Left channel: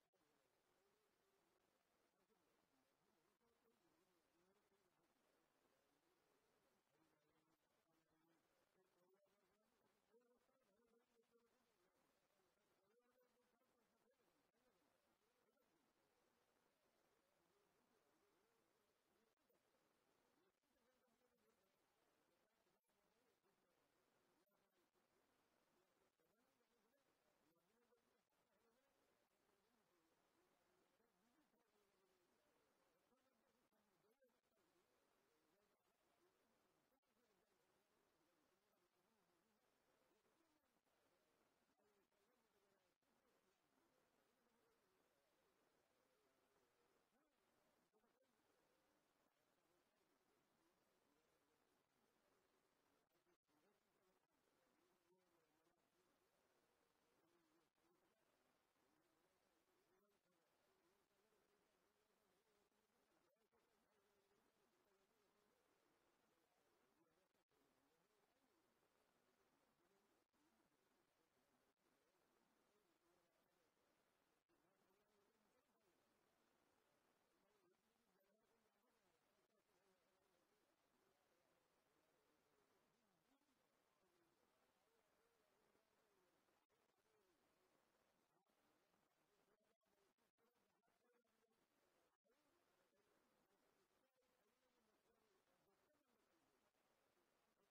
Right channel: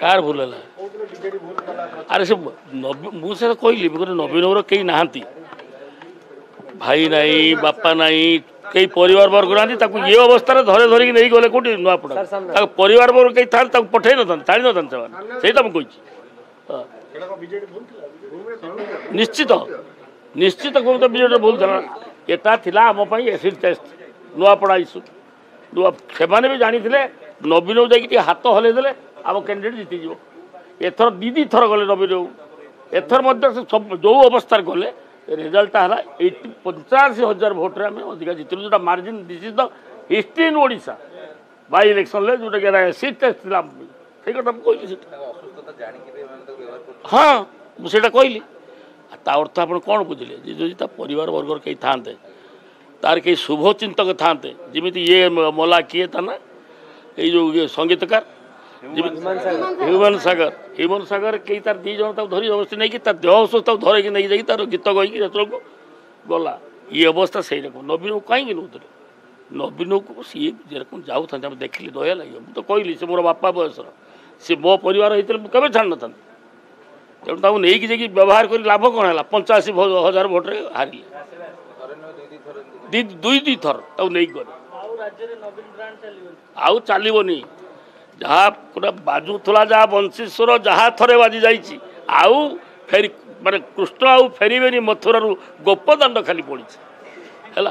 Car भूल है अरे से मुझे कहली नवीन बाबूर कई ना भाई नाई बापा नाई कई परिवार वर्ग ना ये अवस्था धरे धरिकी नहीं गले कौटी नुआपड़ा परिवार वर्ग कई था पठे न छाड़ी न से कही निश्चित निश्चित कौन तो बीजेडी भूल था एटा थिला आम एसिड टेस्ट नुआपड़ा इश्यू नुआ से भी जानी नवीन बाबू जाकि हाथ हल्ले देले आम कैंडिडेट जीतीज एथर दी थर गले नवीन बाबू एथर सब जो अवस्था गले रिजल्ट है 85,000 भोट्रे आम अधिका जीतलु जो margin this is the history in Odisha by election जोटा कि एसिड टेस्ट थी से कथा कहली हाँ मुझे कहली ता अर्थ आप कौन बुझे जो परिवार वर्ग कई था तार कई शुभचिंतक था जमी ये मला किए था ना ये जो संगीतकार ह्यूमन सागर कई तार दी जन धरी अवस्था नहीं कि देह असुस्थ धरे नहीं जाकि तार गीत गई गला ये अवस्था से रकम नवीन को कहीं नौते नवीन को सी जेरकम जाऊँ देखिली दया लगे मुझे तो कहली से मोर बापा बयसर सी मो परिवार होते केवे छाड़ न तेणु नहीं कि व्यवहार कर लाभ कौन है 85,000 भोट्रे हारे दुई थर नहीं गले आउ चलनी जहाँ पूरा बाजुला जहाँ वंशीश्वर जहाँ थरे बाजी जाइए आउ फेरी माने कृष्ण आउ फेरबे मथुरा गोपदाण्ड खाली पड़ी है।